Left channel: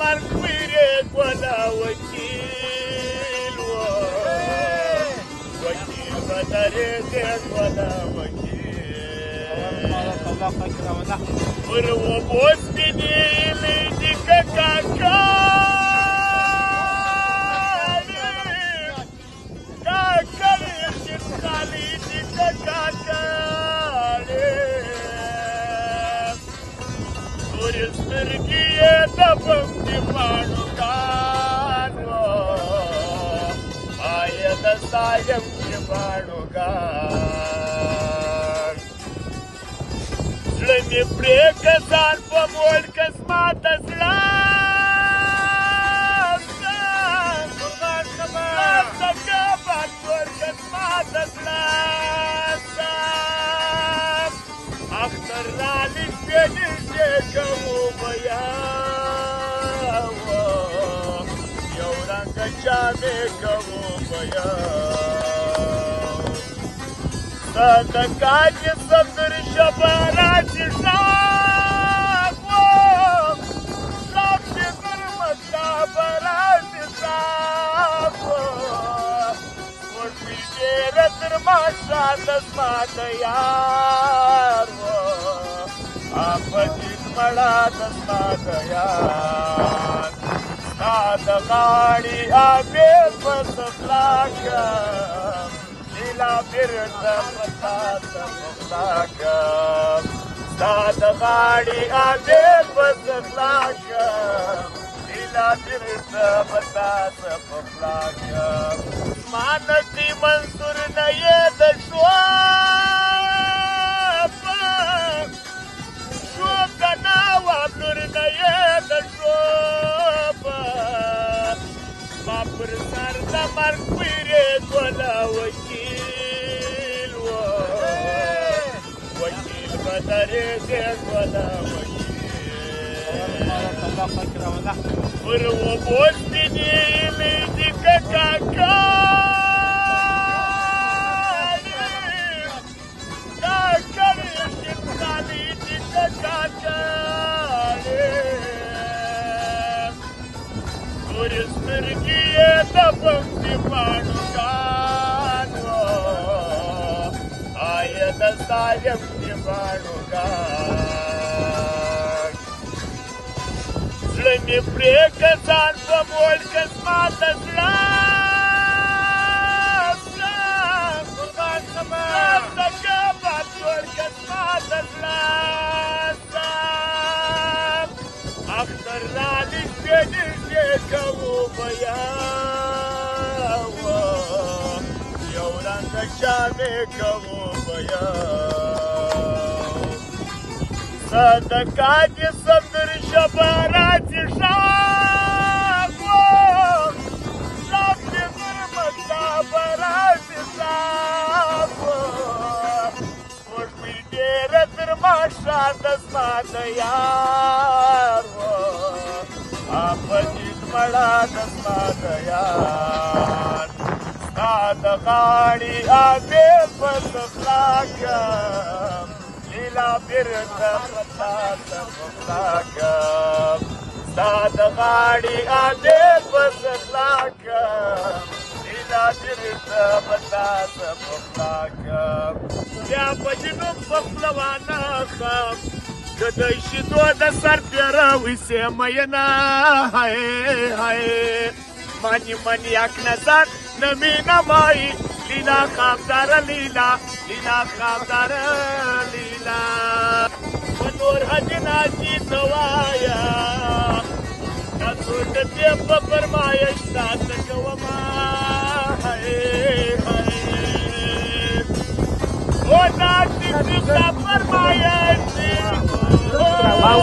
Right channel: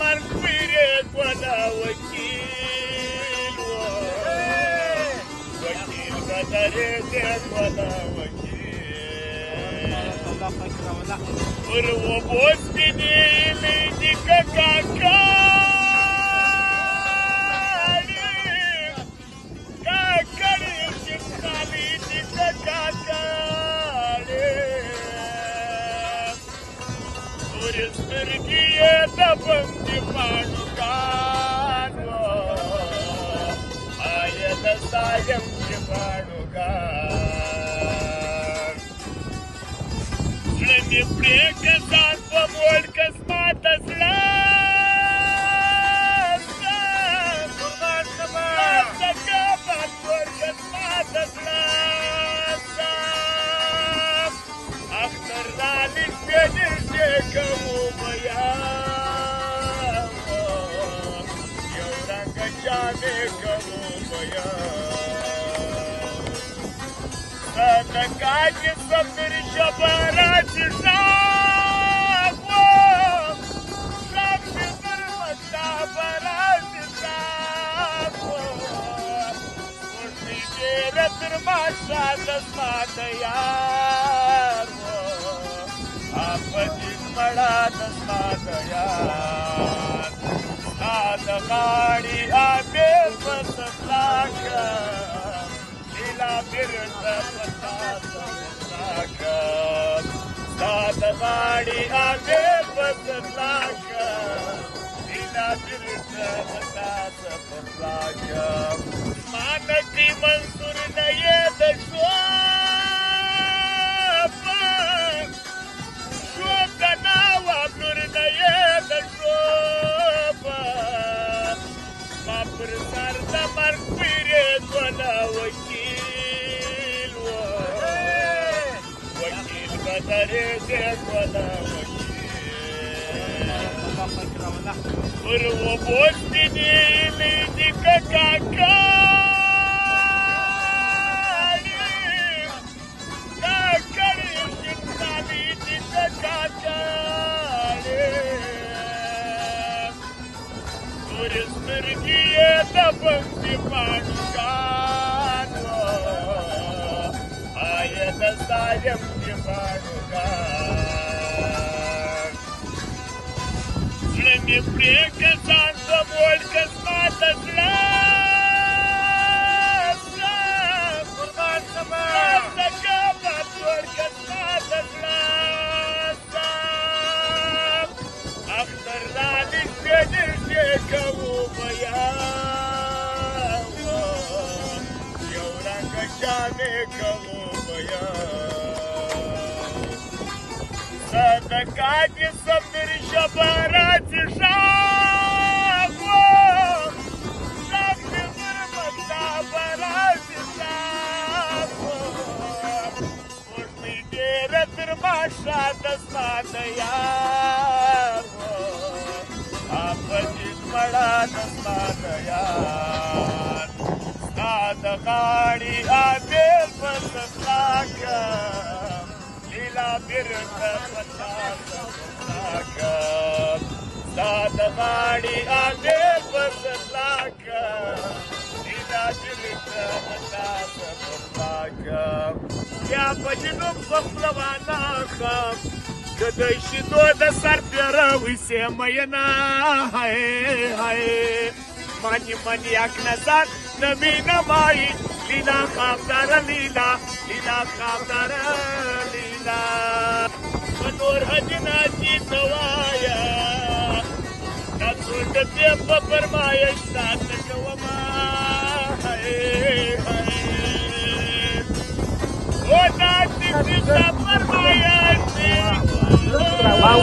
مرميري ولا وكيل وكيل ولا ريدك ولا وكيل وروبوتني ليدك كاكالي خالي كاكالي ورسمرجية دفن جبانو آية دستايم جبانو زلني بريكسان فمول كسمات اسلام قربان كمان سجابات فمول كسمات اسلام اختر رالي سيدي شكمو مياو يوران كشامي كمو مياو تكاج صدر جبارات شاقو صدر مجابرات شاقو وشي جيرتر ما شاد سمات يارو आपजित मळा तस्मात यार सात गाडी आबे पसलाक नीला फिरत पसात पसलाक सात गाडी आबे पसलाक नीला फिरत पसात पसलाक मानसी मंसूर नये दशवा مرميري ولا وكيل وكيل بدريك ولا وكيل وروبوتني ليدك كاكالي خالي كاكالي ورسمرجية دفن جبانو آية دستايم جبانو زلني بريكسان فمول كسمات اسلام قربان كمان سجابات فمول كسمات اسلام اختر رالي سيدي شكمو مياو يوران كشامي كمو مياو صدقات صدر جبارات شاقو صدر مجابرات شاقو وشمي جيرتر ما شاد اسمات يارو आपजित मळा तस्मात यार सात गाडी आबे पसलाक नीला फिरत पसात पसलाक सात गाडी आबे पसलाक नीला फिरत पसात पसलाक या भजनो पसलवाना खाम कदशी दोन सर पेरविसे मयना हाय हाय मानी मानी आखण्यासात नवीन माई लीला खामदार लीला लीला खामदार लीला मनोर हजनाची सवाया सोडते पपरमाय सात गवमा हाय हाय ओ नाची पपरमाय Wow,